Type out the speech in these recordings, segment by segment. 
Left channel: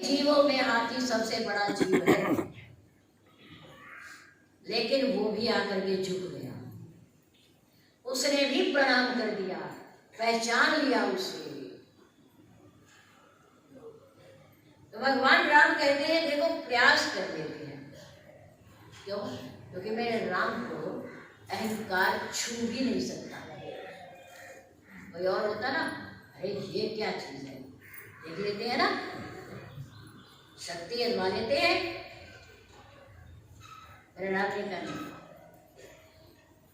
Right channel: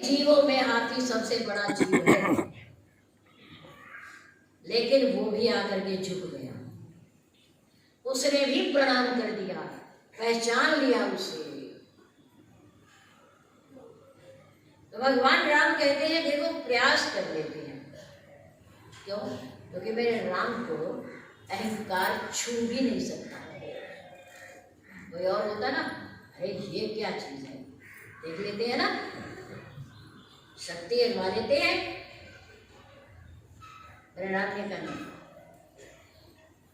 जीवों में हाथी सबसे बड़ा जीव है, लेकिन वो भी आकर के झुक गया। उसने भी प्रणाम कर दिया, पहचान लिया उसे। तो भगवान राम कहते हैं देखो प्रयास कर लेते हैं। क्यों? क्योंकि मेरे राम को अहंकार छू भी नहीं सकता। कोई और होता ना, अरे ये क्या चीज है, देख लेते हैं ना, शक्ति अजमा लेते हैं। मेरे राम ने कहा नहीं,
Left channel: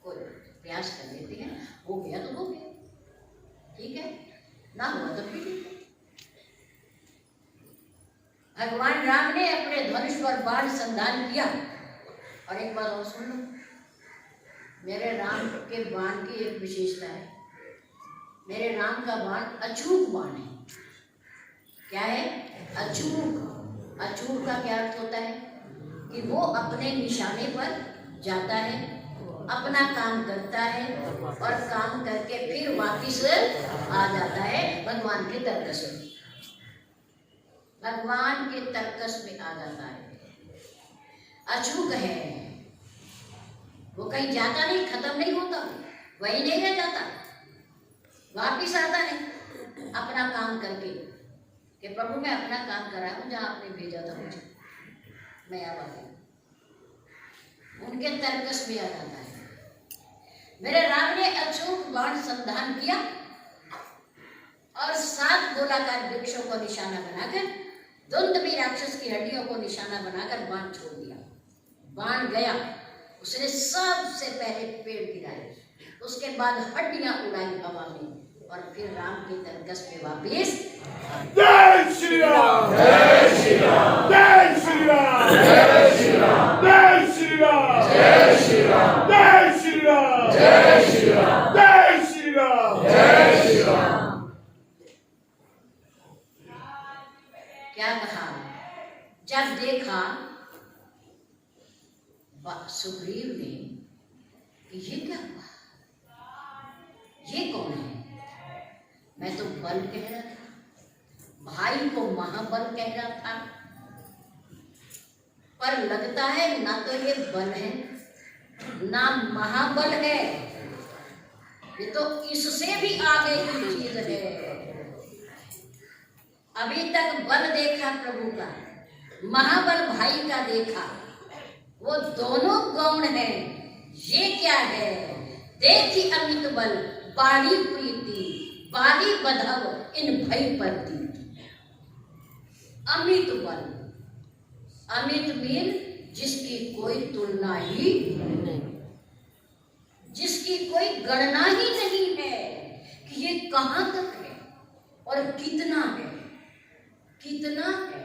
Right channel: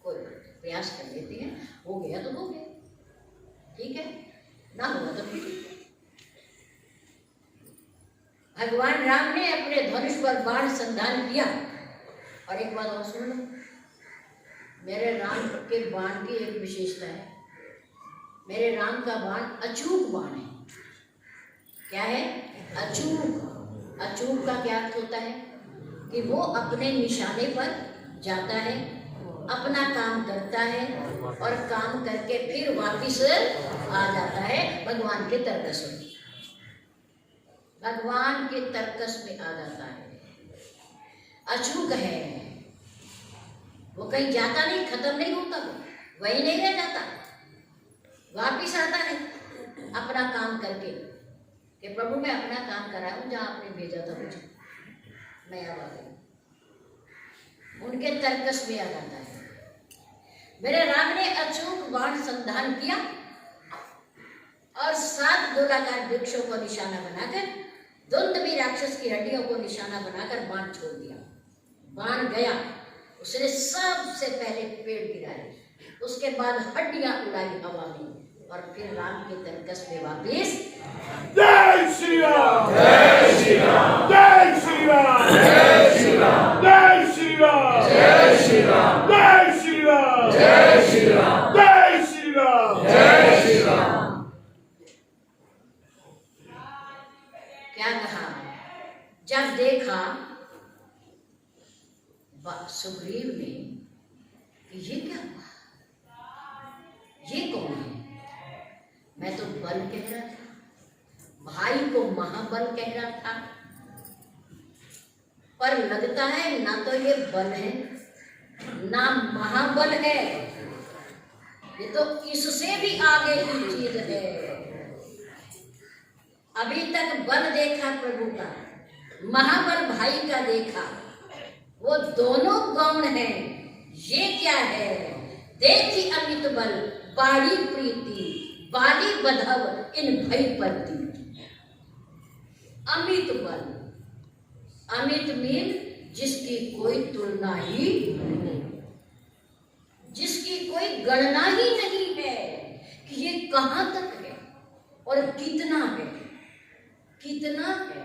कोई प्रयास कर लेते हैं, हो गया तो हो गया, ठीक है, ना हुआ तो फिर भगवान राम ने अपने धनुष पर बाण संधान किया। और एक बात और सुन लो, मेरे राम के बाण की एक विशेषता है, मेरे राम का बाण अचूक बाण है। क्या है? अचूक। अचूक का क्या अर्थ होता है कि वो अपने निशाने पर जाता है, अपना काम करता है और काम करके फिर वापिस आ जाता है भगवान के तर्कस में। भगवान के तर्कस में आ जाता है, अचूक है वो, कहीं जाता नहीं, खत्म नहीं होता, वही नहीं रह जाता, वापिस आता है अपना काम करके कि प्रभु मैं अपना काम कर रहा हूँ, जहाँ आपने भेजा था मुझे, मैं अब आ गई। उनके तर्कस में आ जाता है। मेरे राम ने अचूक बाण संधान किया और 7 गोलाकार वृक्षों को निशाना बनाकर, दुंदुभी राक्षस की हड्डियों को निशाना बनाकर बाण छोड़ दिया। बाण गया, उसने सबसे पहले पेड़ गिराए, उसके बाद हड्डियां उड़ाई हवा में, और फिर राम के तर्कस में वापिस। जय श्री राम, जय श्री राम, जय श्री राम, जय श्री राम, जय श्री राम, जय श्री राम, जय श्री राम, जय श्री राम, जय श्री राम, जय श्री राम। क्या कहा? जब देखा सुग्रीव ने कि ये क्या हुआ, ये कौन है? मैं तो बल कह रहा था, भाई को महाबल कह रहा था, पर लगता है ना तो ये बल है ना महाबल है, ये तो इससे भी आगे की चीज है। अभी तक बल देखा प्रभु का, महाबल भाई का देखा, वो दोनों गौण है। ये क्या है? देखी अमित बल बाड़ी प्रीति, बाली बधव इन भई परती। अमित बल, अमित मीन जिसकी कोई तुलना ही नहीं, जिसकी कोई गणना ही नहीं है कि ये कहां तक है और कितना है, कितना है।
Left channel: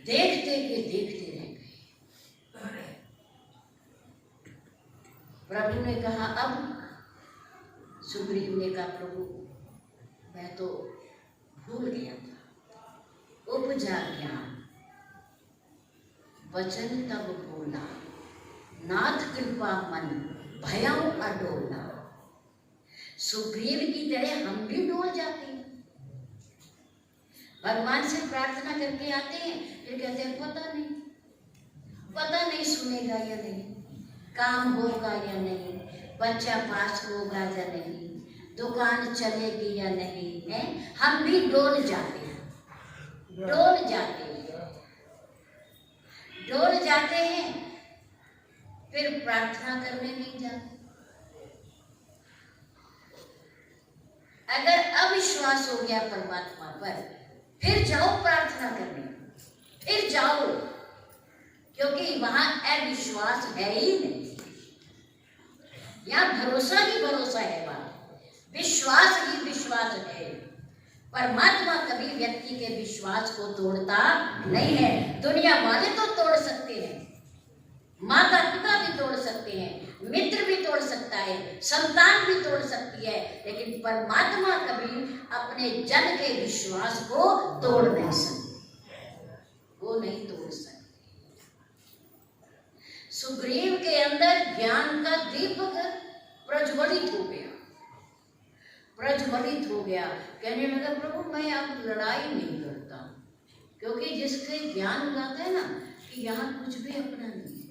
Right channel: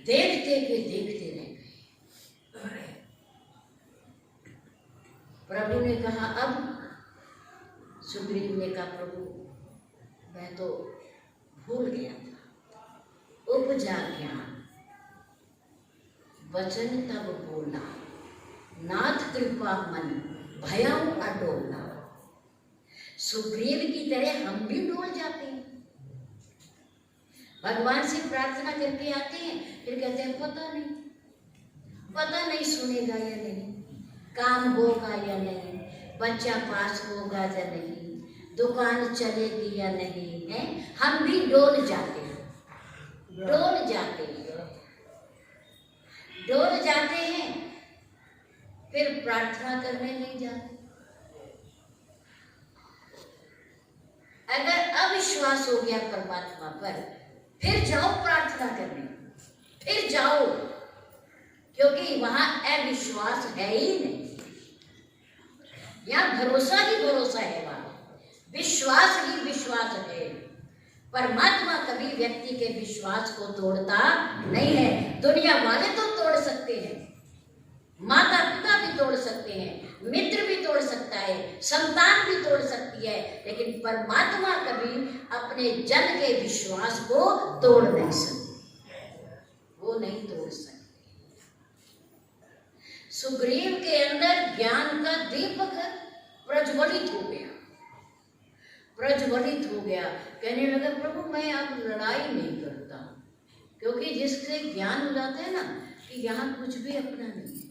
देखते हुए देखते रह गए। प्रभु ने कहा, अब सुग्रीव ने कहा प्रभु मैं तो भूल गया था, उपजा ज्ञान, वचन तब बोला, नाथ कृपा मन भयं अडोला। सुग्रीव की तरह हम भी डोल जाते हैं, भगवान से प्रार्थना करके आते हैं, फिर कहते हैं पता नहीं सुनेगा या नहीं, काम होगा या नहीं, बच्चा पास होगा या नहीं, दुकान चलेगी या नहीं, है हम भी डोल जाते हैं, डोल जाते हैं, डोल जाते हैं, फिर प्रार्थना करने नहीं जाते। अगर अविश्वास हो गया परमात्मा पर, फिर जाओ प्रार्थना करने, फिर जाओ, क्योंकि वहां अविश्वास है ही नहीं, यहाँ भरोसा ही भरोसा है, वहां विश्वास ही विश्वास है। परमात्मा कभी व्यक्ति के विश्वास को तोड़ता नहीं है। दुनिया वाले तो तोड़ सकते हैं, माता पिता भी तोड़ सकते हैं, मित्र भी तोड़ सकता है, संतान भी तोड़ सकती है, लेकिन परमात्मा कभी अपने जन के विश्वास को तोड़ नहीं सकती, वो नहीं तोड़ सकती। सुग्रीव के अंदर ज्ञान का दीपक प्रज्वलित हो गया, प्रज्वलित हो गया। कहने लगा प्रभु मैं अब लड़ाई नहीं करता, क्योंकि जिससे ज्ञान हो जाता है ना कि यहाँ कुछ भी अपना नहीं है,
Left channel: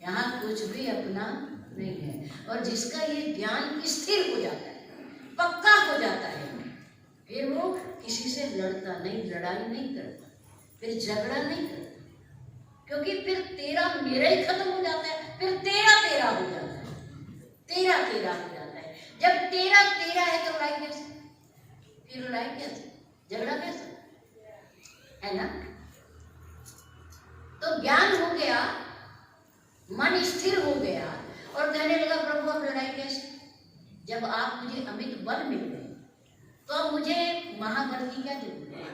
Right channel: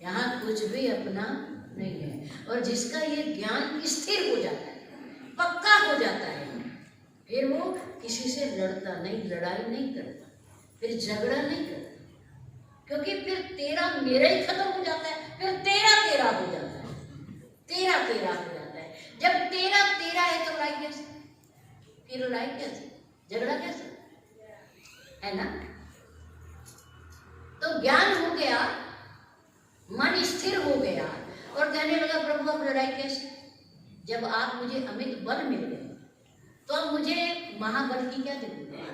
यहाँ कुछ भी अपना नहीं है, और जिसका ये ज्ञान स्थिर हो जाता है, पक्का हो जाता है, फिर वो किसी से लड़ता नहीं, लड़ाई नहीं करता, फिर झगड़ा नहीं करता, क्योंकि फिर तेरा मेरा ही खत्म हो जाता है, फिर तेरा तेरा हो जाता है, तेरा तेरा हो जाता है। जब तेरा तेरा है तो लड़ाई कैसे, फिर लड़ाई कैसे, झगड़ा कैसे, है ना? तो ज्ञान हो गया, मन स्थिर हो गया और कहने लगा प्रभु अब लड़ाई कैसे? जब आप मुझे अमित बल मिल गए तो अब मुझे महाबल की क्या जरूरत है?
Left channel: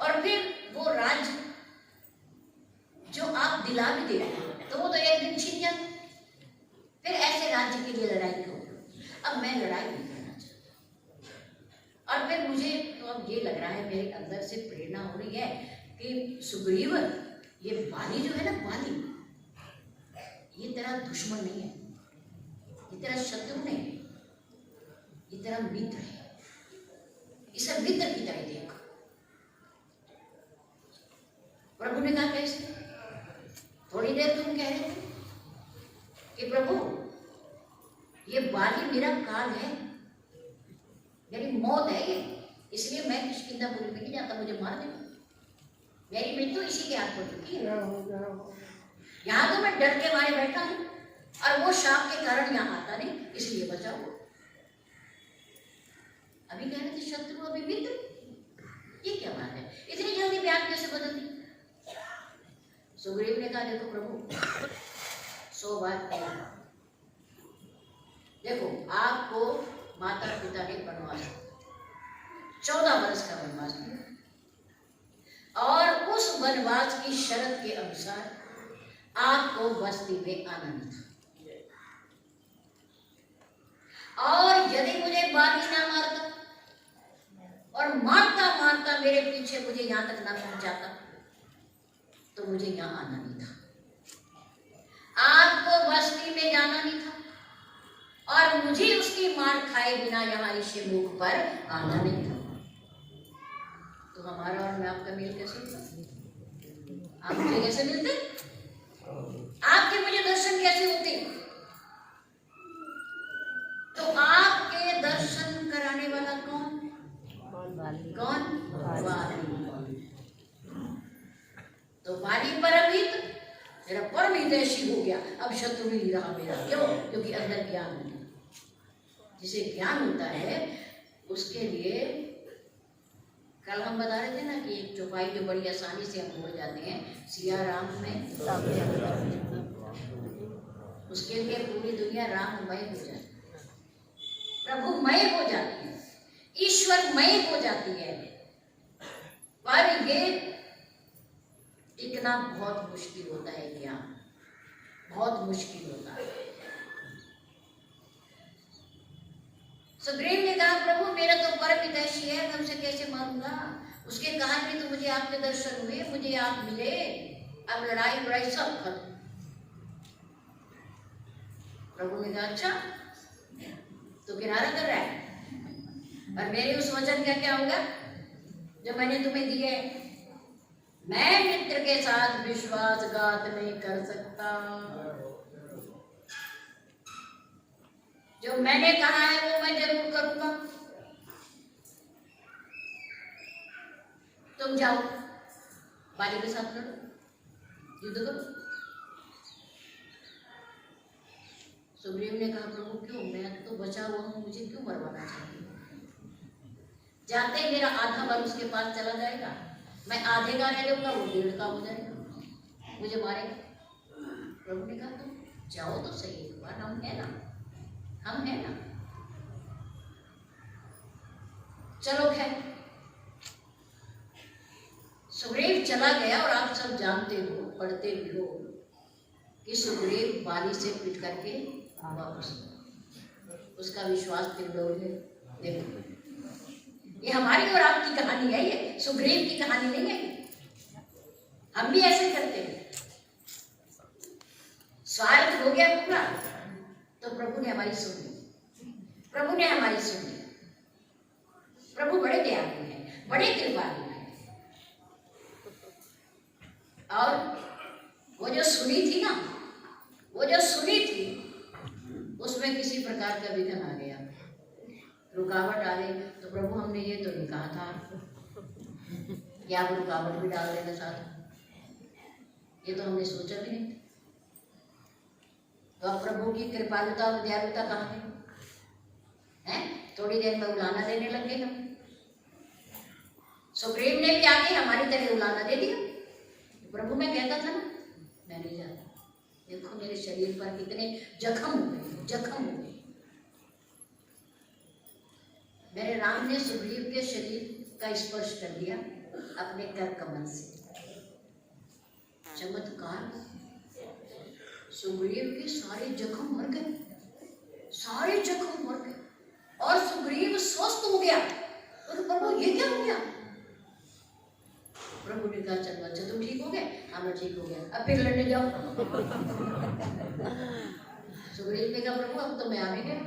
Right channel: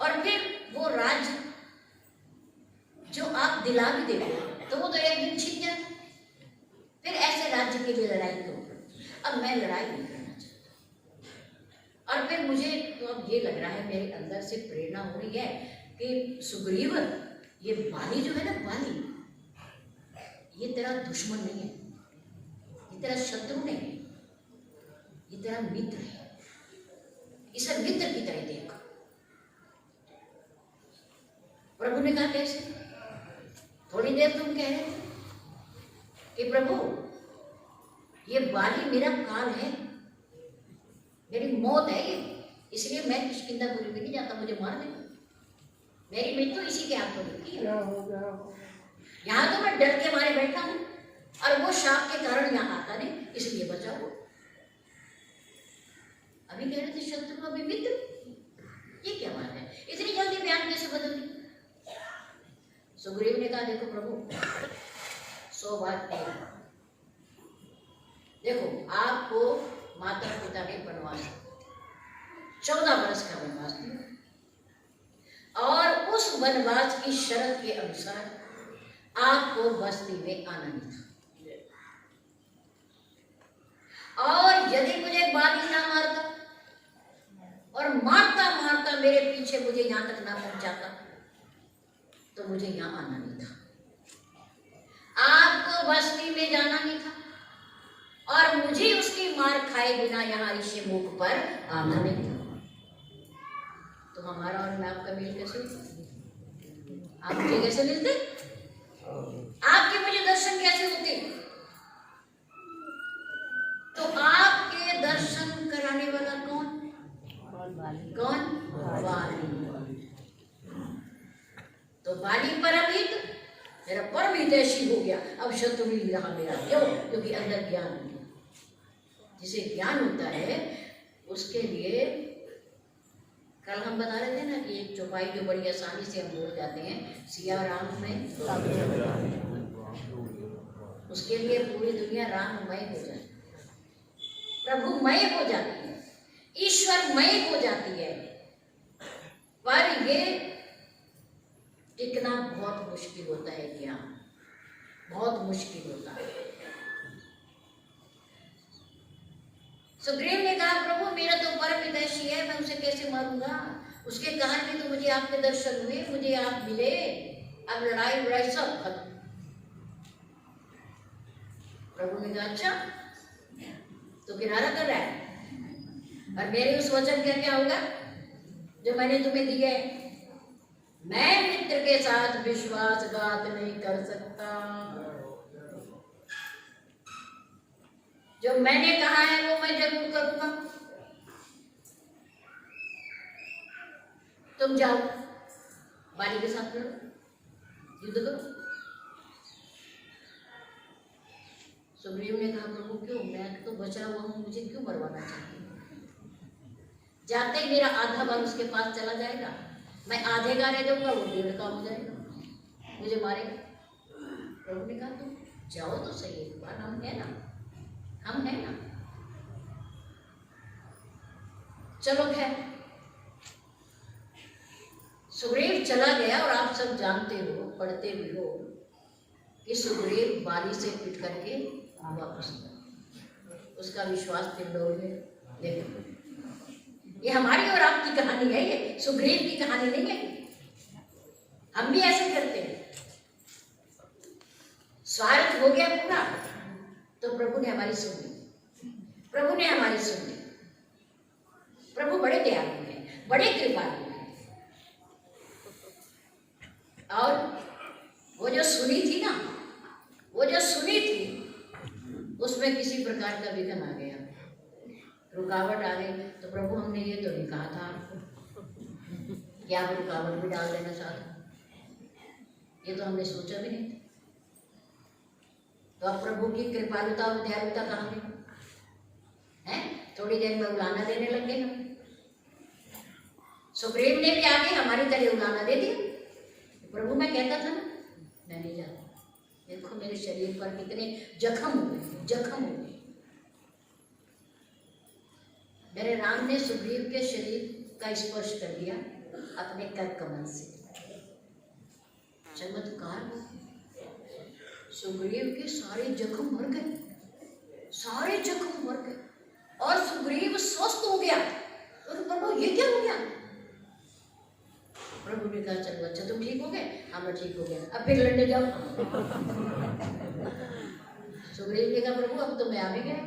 और फिर वो राज्य जो आप दिला भी देते तो वो तो एक दिन छिन जाए, फिर ऐसे राज्य के लिए लड़ाई क्यों? अब मैं लड़ाई नहीं करना चाहता। और फिर मुझे तो अब ये लग रहा है, मेरे अंदर से प्रेरणा हो रही है कि सुग्रीव, ये बाली जो है ना, बाली ये तेरा दुश्मन नहीं है, ये तेरा शत्रु नहीं है, ये तेरा मित्र है, इसे मित्र की तरह देख। प्रभु ने कहा कैसे? थोड़ी देर तुम कह रहे थे कि प्रभु ये बाली मेरा काल है, मेरी मौत है ये, इसलिए मैं किष्किंधापुरी में नहीं जाता, मुझे मार देगा, मेरी मृत्यु इसी के हाथों में की। यहाँ तो मैं डर के मारे बैठा हूँ और वो शाप के कारण यहाँ आता नहीं, इसलिए बचाओ। अभी कह रहे थे शत्रु, अभी मित्र, ये क्या बात है? इतनी जल्दी बयान कैसे बदल दी? सुग्रीव ने कहा देखो प्रभु, 100 बात कही, देखो आपको माता पिता ने वनवास 14 वर्ष का वनवास दिया और उस वनवास की शर्त के अनुसार आपको बस्ती में आना नहीं था, और यदि मुझे बाली ना मारता और मारता मारता मेरे पीछे मुझे यहां तक ना पहुंचाता तो मुझे यहां आना नहीं था, आपको बस्ती में जाना नहीं था, और मुझे उसकी मार खाए बिना यहाँ ऋषिमुख पर आना नहीं था। तो हमारा और मैं आपका मेल कैसे होता? आप मुझे कैसे मिलते? आपके मुझे दर्शन कैसे होते? तो आपके दर्शन कराने वाला कौन? कौन? बाली। तो बाली परमहित, मेरा परम हितैषी हो गया, अब शत्रु नहीं रहा मेरा। क्यों? क्योंकि अंदर ज्ञान हो गया। जिसे ज्ञान होता है उसके लिए, कल हम बता रहे थे ना कि एक चौपाई जो बड़ी आसानी से हम बोल जाते हैं, सिया राम में, उसके लिए पूरी दुनिया राममय हो जाती है, प्रभुमय हो जाती है, ईश्वरमय हो जाती है। पर ये टिकना बहुत मुश्किल होता है, ज्ञान बहुत मुश्किल होता है। सुग्रीव ने कहा प्रभु मेरा तो परम हितैषी है, मैं उसे कैसे मारूंगा? उसके कहा भी तो मुझे आपके दर्शन हुए, मुझे आप मिले, अब लड़ाई लड़ाई सब खत्म। प्रभु ने कहा अच्छा तो किनारा कर रहा है, और मेरे उस वचन का क्या होगा जो मैंने तुम्हें दिए? मैं मित्र के साथ विश्वासघात नहीं कर सकता, जो मैंने कहा है वो मैं जरूर करूंगा। तुम जाओ बाली के साथ लड़ो, युद्ध करो। सुग्रीव ने कहा प्रभु क्यों, मैं तो बचा हुआ हूं, मुझे क्यों मरवाना चाहिए? जाते ही मेरा आधा बल उसके पास चला जाएगा, मैं आधे का रह जाऊंगा, वो 1.5 का हो जाएगा, मुझे मारेगा। प्रभु ने कहा तुम जाओ तो सही एक बार, हम है ना, हम है ना, चलो खैर। सुग्रीव चला गया, और आप सब जानते हो, पढ़ते भी हो कि सुग्रीव बाली से पिट करके वापस गया, उसका विश्वास फिर डोल गया। देखो ये हमारी और आपकी कहानी है, ये सुग्रीव की कहानी नहीं है। हम भी ऐसे करते हैं, स्वार्थ हो गया पूरा तो प्रभु ने हमारी सुन ली, प्रभु ने हमारी सुन ली। प्रभु बड़े दयालु हैं, बड़े कृपालु हैं। और वो जो सुनी थी ना, वो जो सुनी थी उसमें किसी प्रकार का विघ्न आ गया, रुकावट आ गई। तो प्रभु हमने ये तो नहीं कहा था आपको कि आप रुकावट भी डाल देना साथ, ये तो हमने सोचा भी नहीं। तो अब प्रभु की कृपालुता और दयालुता कहाँ है? थोड़ी देर में उलाना देने लगे हम। सुग्रीव ने भी आके हमारी तरह उलाना दे दिया। प्रभु मैं कहता था ना, मैं नहीं जाता, देखो मेरे शरीर पर कितने जख्म हुए, जख्म हुए। मेरे राम ने सुग्रीव के शरीर का स्पर्श कर दिया अपने कर कमल से। चमत्कार, सुग्रीव के सारे जख्म मर गए, सारे जख्म मर गए और सुग्रीव स्वस्थ हो गया। तो प्रभु ये क्या हो गया? प्रभु ने कहा चलो अच्छा तुम ठीक हो गए? हाँ मैं ठीक हो गया, अब फिर लड़ने जाओ। सुग्रीव ने कहा प्रभु अब तो मैं आ भी गए,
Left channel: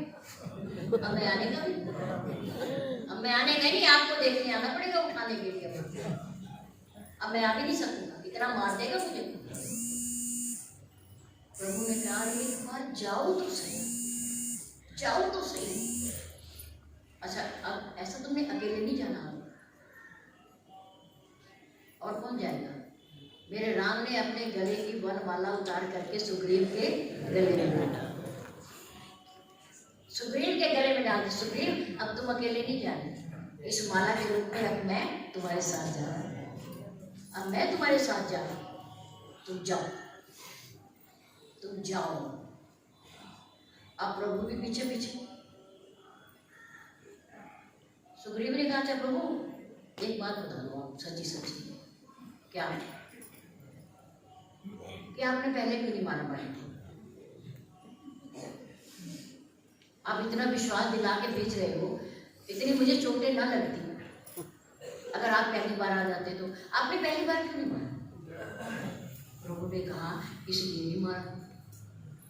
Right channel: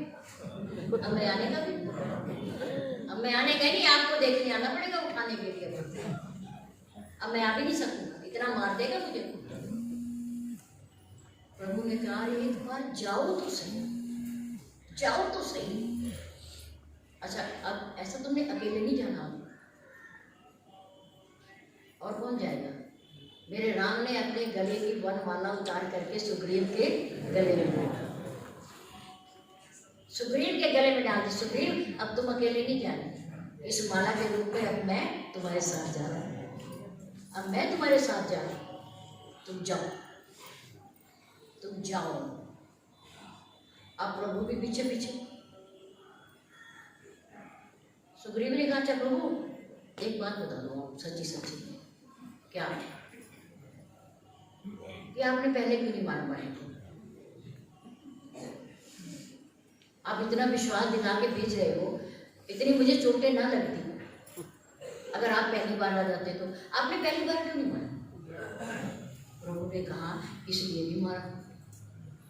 अब मैं आने का भी, अब मैं आने का नहीं, आपको देखने आना पड़ेगा उठाने के लिए। अब मैं आ भी नहीं सकूंगा, इतना मार देगा मुझे। प्रभु ने कहा एक बार जाओ तो सही, जाओ तो सही। अच्छा अब ऐसा तुमने अकेले नहीं जाना, और कौन जाएगा? मेरे राम ने अपने गले की वनमाला उतार करके सुग्रीव के गले में डाला, सुग्रीव के गले में डाल दी। सुग्रीव अब तुम अकेले नहीं जाना, इस माला के रूप में अब मैं तुम्हारे साथ जा रहा हूं, अब मैं तुम्हारे साथ जा रहा हूं, तुम जाओ, तुम जाओ। अब प्रभु भी पीछे पीछे। सुग्रीव ने कहा अच्छा प्रभु एक बात बता दो आप सच्ची सच्ची, क्या कि आपने पहले क्यों नहीं मारा भाई? आप इतना विश्वास दिला के भेज रहे हो, इतनी मुझे चोटें ना लगती अगर आप पहली बार आ जाते तो। आपने पहली बार क्यों नहीं मारा? प्रभु ने कहा इसलिए नहीं मारा।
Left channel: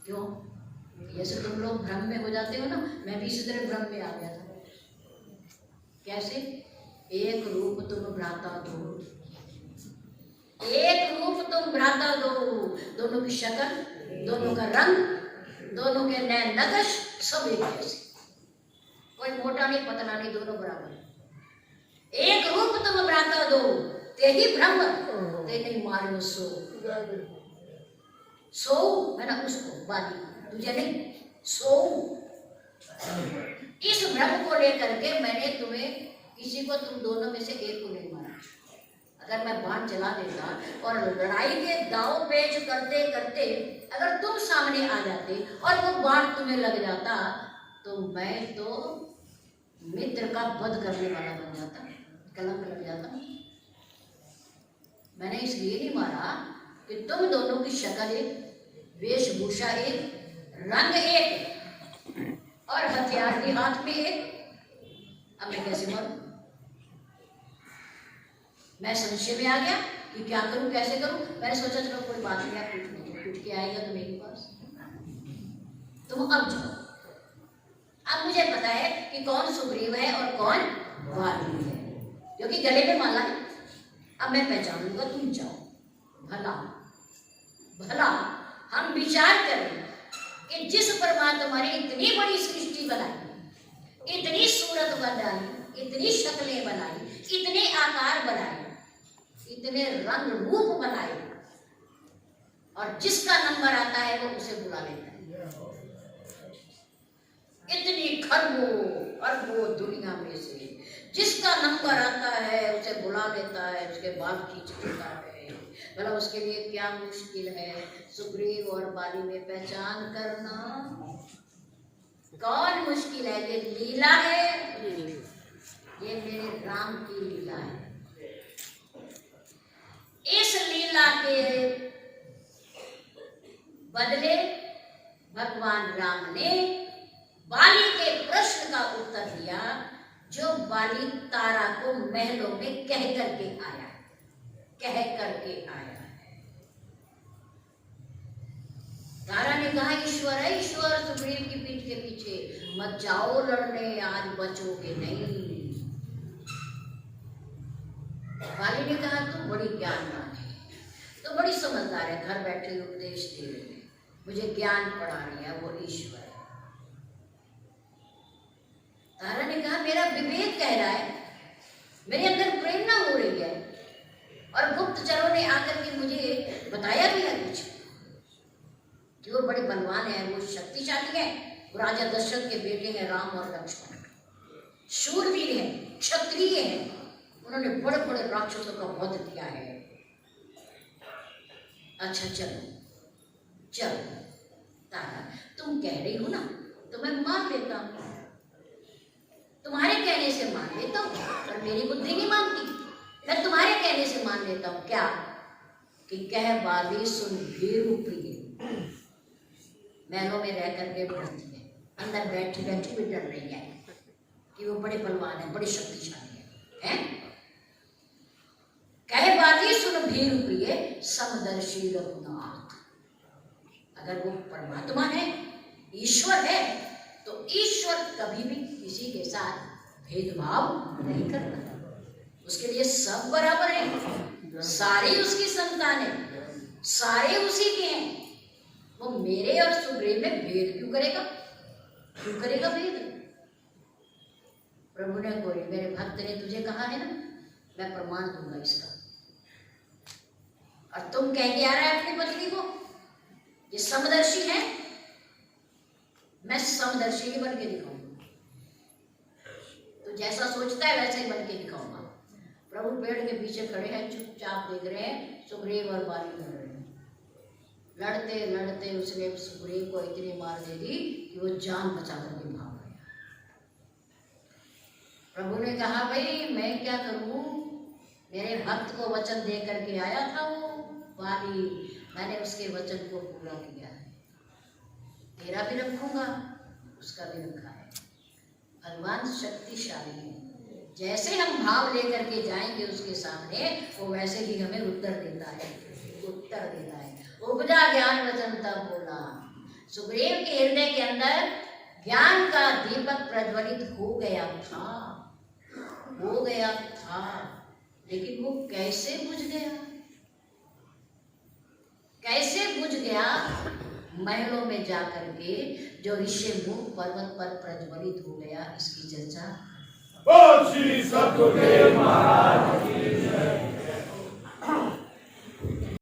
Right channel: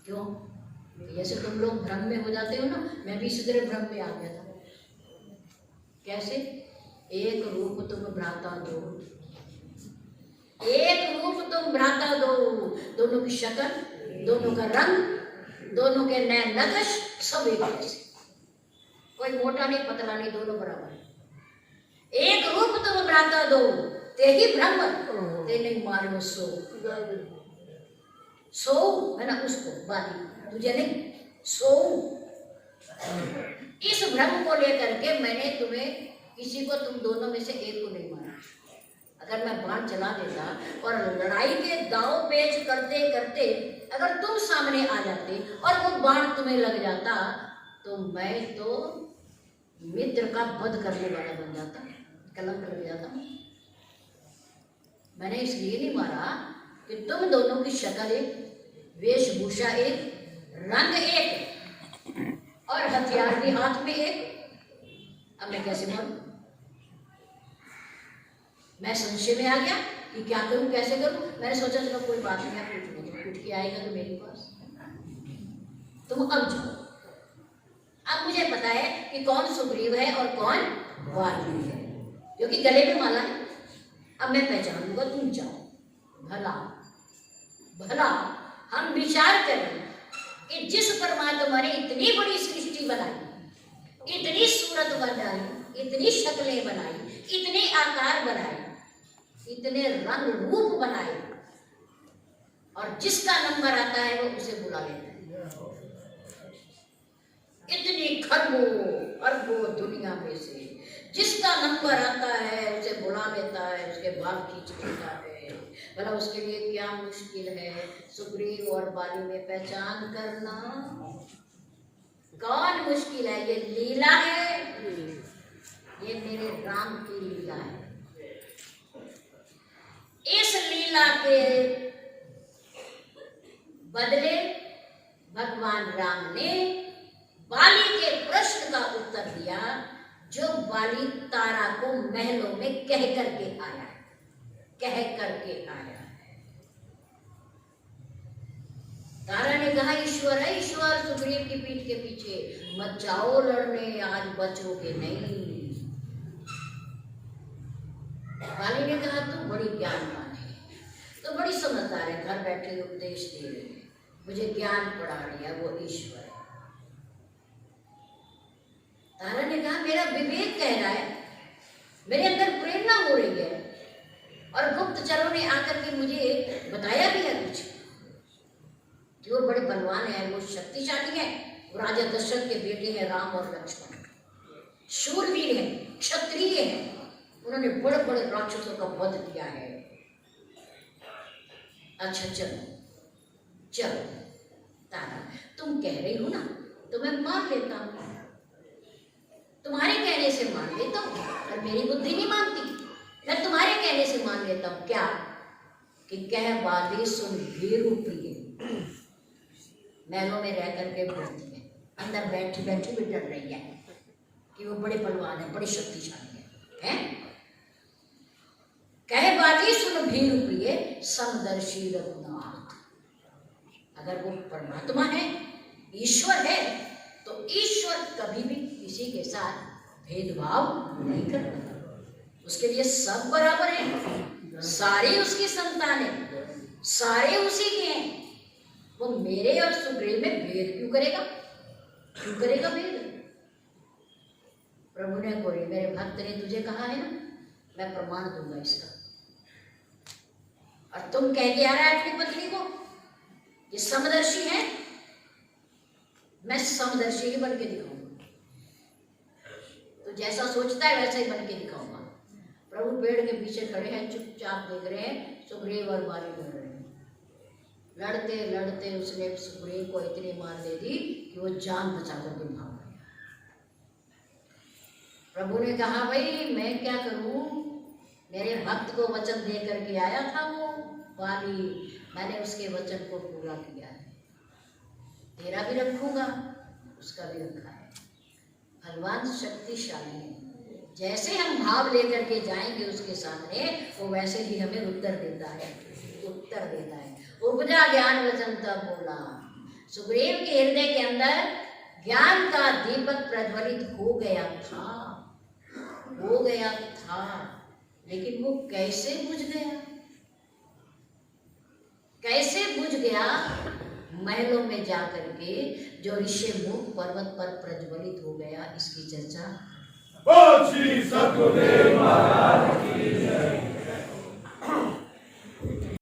क्यों? जैसे तुम लोग भ्रम में हो जाते हो ना, मैं भी इसी तरह भ्रम में आ गया था। कैसे? एक रूप तुम भ्राता दो, एक रूप तुम भ्राता दो, दोनों की शक्ल, दोनों का रंग, दोनों के नए नक्श सब एक जैसे, कोई मोटा नहीं पतला नहीं, दोनों बराबर। एक रूप तुम भ्राता दो, ते ही ब्रह्म ते नहीं मारो सो, सो है ना उसको बाली, तुझे नहीं सो। इस भ्रम को लेकर के मैंने तुम्हें किसी को, तुम दोनों में से एक को नहीं मारा। अगर मैं बाण चला देता और लड़ाई के दाव पेच करते करते अगर तुम सामने आ जाते और वो बाण तुम्हें लग जाता तो मैं तो मित्र का वध करने वाला बन जाता, कलंक लग जाता। मैंने इसलिए नहीं मारा कि तुम दोनों की शक्ल एक, वेशभूषा एक, रंग एक और हथियार भी हाथ में एक। अब मैं कैसे मारूं? मैं संशय में आ गया कि क्या करूं, कैसे करूं। मैंने सोचा चलो कोई बात नहीं, आप पूछ के आएगा तो मेरे पास, तुम अब जाओ। अब मुझे पता है कि कौन सुग्रीव है और कौन वाल्मीकि है, क्योंकि गले में माला है। अब मैं पहचान लूंगा, तुम जाओ। भला भला हम विचार करें कि जिस परमात्मा ने इतनी बड़ी सृष्टि बनाई, इतनी सूरत बनाई, इतनी शक्लें बनाई, इतने आकार बनाए, इतने रंग रूप बनाए, और जिसका नंबर आता है वो उसे बुला लेता है। इतनी खरबों अरबों दुनिया में से जिसका नंबर आता है उसे बुला लेता है, उसके बाद खींच लेता है। भला उसके लिए क्या मुश्किल है सुग्रीव और बाली में पहचान करना? कौन मुश्किल है? ये लीला है, ये मेरे राम की लीला है। इस लीला के बदले भगवान राम ने बाली के प्रश्न का उत्तर दिया, जो बाली तारा को महलों में कह करके आया है, कह करके आया है। तारा ने कहा ईश्वर है, ईश्वर सुग्रीव की पीठ के पीछे, मत जाओ लड़ने, आज बचोगे नहीं। तारे ने कहा तू बड़ी ज्ञानवान है, तो बड़ी समझदार है, घर बैठे उपदेश दे रही है, मुझे ज्ञान पढ़ा रही है, वो ईश्वर है। तारा ने कहा मेरा विवेक कह रहा है, मेरे अंदर प्रेरणा हो रही है, और गुप्तचरों ने आकर के मुझे बताया भी है कुछ कि वो बड़े बलवान है, वो शक्तिशाली है, वो राजा दशरथ के बेटे हैं राम और लक्ष्मण, शूरवीर है, क्षत्रिय है, उन्होंने बड़े बड़े राक्षसों का वध किया है। अच्छा चलो चलो तारा, तुम कह रही हो ना तो मैं मान लेता हूँ, तुम्हारे कहने से मान लेता हूँ, पर मेरी बुद्धि नहीं मानती। मैं तुम्हारे कहने से मान लेता हूँ क्या कि कह बाली सुन भेरू प्रिय, महलों में रह करके भरती है, अंदर बैठी बैठी भी डर रही है कि वो बड़े बलवान है, बड़े शक्तिशाली है? कह बाली सुन भेरू प्रिय समदर्शी रघुनाथ। अगर वो परमात्मा है, ईश्वर है, तो ईश्वर कभी भी किसी के साथ भेदभाव नहीं करता, उसके लिए सब बराबर है, सारे उसकी संतान है, सारे उसी के हैं। वो मेरे और सुग्रीव में भेद क्यों करेगा? क्यों करेगा भेद? प्रभु ने कोई, मेरे भक्त ने तुझे कहा है ना, मैं प्रमाण दूंगा इसका। और तुम कह के आ रहा है अपनी पत्नी को ये समदर्शी है, मैं समदर्शी ही बन के दिखाऊंगा, तो जैसा सोचता है वैसा ही बन के दिखाऊंगा। प्रभु पेड़ के पीछे खड़े हैं, चुपचाप देख रहे हैं, सुग्रीव और बाली लड़ रहे हैं। लड़ते लड़ते उसने सुग्रीव को इतनी मार दे दी कि वो जान बचा करके भाग गया। प्रभु ने कहा भाई मैं क्या करूं, मेरे भक्त को वचन दे करके आया था वो बाली, मैंने उसके वचन को पूरा किया है, तेरा भी रखूंगा, उसका भी रखा है। भगवान शक्तिशाली है, जैसे हम भाव लेकर के जाएंगे उसके सामने, वो वैसे ही हमें उत्तर देता है, उत्तर देता है। उपजा ज्ञान वचन तब बोला। सुग्रीव के हृदय के अंदर ज्ञान का दीपक प्रज्वलित हो गया था, हो गया था, लेकिन वो कैसे बुझ गया? कैसे बुझ गया? महलों में जाकर के जो ऋषिमुख पर्वत पर प्रज्वलित हो गया, इसकी चर्चा श्री सतगुरुदेव महाराज की जय।